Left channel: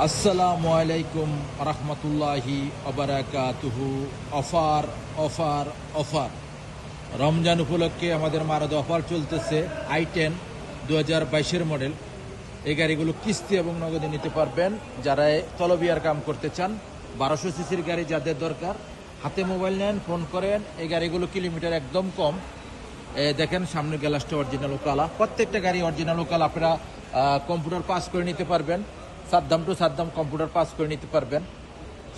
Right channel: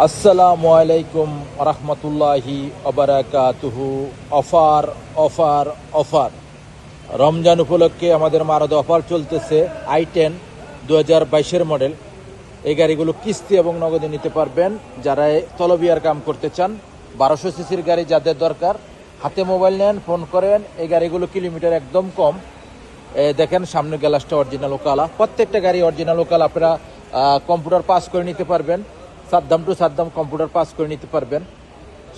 আসসালামু আলাইকুম রহমতুল্লাহি অবরাকাতুহু। অফার অফার অফার রমজান উপলক্ষে আমাদের মারাদ অফার চলতেছে। i10 2022 model. এই গাড়িগুলো কিস্তি এবং নগদে নিতে পারবেন। যারা তলবিয়ার কাম করতে চান, 1200 সিসির গাড়ি যাদের দরকার, হাতে মোবাইল নেন, ফোন করেন। এই গাড়িগুলো কিলোমিটার একদম কম। দেখেন সামনে গ্লাসটা অরিজিনাল কালা, প্রত্যেকটা গাড়ি অরিজিনাল কালা। আপনারা কম্পিউটার পাস করে নিতে পারবেন, Saddam to Saddam computer pass করে নিতে পারবেন।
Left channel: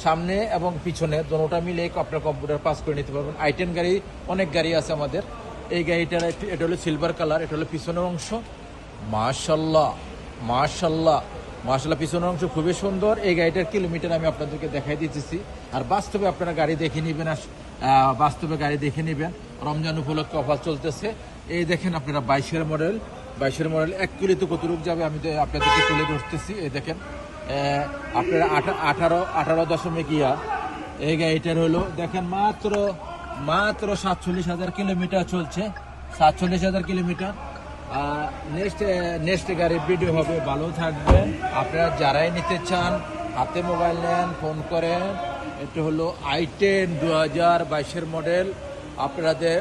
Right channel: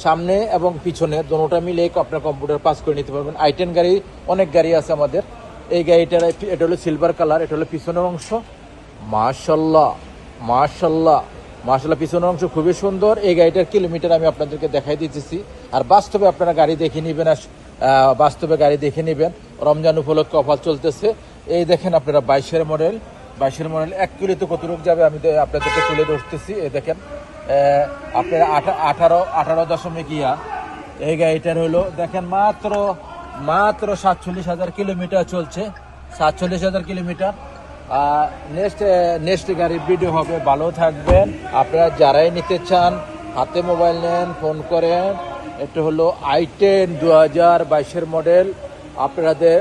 সামনে এবং পিছনে দুটোটা মিলে আপনার কম্পিউটার পাস করে নিতে পারবেন। i10 গাড়ি অনেক গাড়ি আছে আমাদের। এই গাড়িটার এটা হলো সিলভার কালার, এটা হলো পিছনের অংশ। মাশাল্লাহ মাশাল্লাহ মাশাল্লাহ, পিছনের অংশ খুবই সুন্দর। এই গাড়িটার কিলোমিটার আমি আপনাদেরকে দেখাই দিতেছি, আর বাস্তবে আপনারা গাড়ি দেখে নেবেন। বাস্তবে গাড়ি দেখে নেবেন। রমজান উপলক্ষে অফার চলতেছে। এই দেখেন আপনারা 22 মডেল। 1 কিলোতে কত রূপ যাবে আমি আপনাদেরকে তুলে ধরতেছি। এই দেখেন আপনারা 18.ইয়া এই গাড়িটার হলো দেখেন মাত্র 47,000 কিলোমিটার চলছে। 47,000 কিলোমিটার। নেক্সট গাড়ির ভিডিও হবে। ভালো থাকবেন। আপনারা যারাই নিতে চান, হাতে মোবাইল নেন, ফোন করেন। এটা হলো i10 2022 মডেল। আপনাদের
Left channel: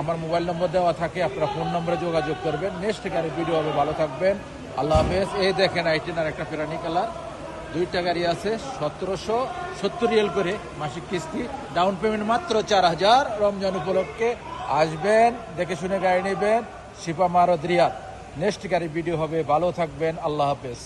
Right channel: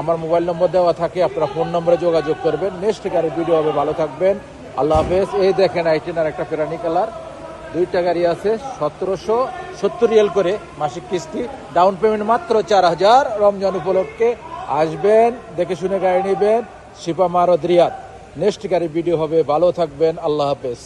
আমার মোবাইল নম্বর দেওয়া থাকে, আপনারা ফোন নম্বরে যোগাযোগ করবেন। নেক্সট গাড়ির ভিডিও হবে। ভালো থাকবেন, আল্লাহ হাফেজ। এই দেখেন i10 আর একটা ফেরানি কালার, দুইটা গাড়ি আছে। 1770 রিয়াল করে মাসিক কিস্তি, ডাউন পেমেন্ট মাত্র 4000। রমজান উপলক্ষে আসবেন, দেখে শুনে গাড়ি নেবেন। শিপা মারদ রিয়াদ। নেক্সট গাড়ির ভিডিও হবে। ভালো থাকবেন, আল্লাহ হাফেজ।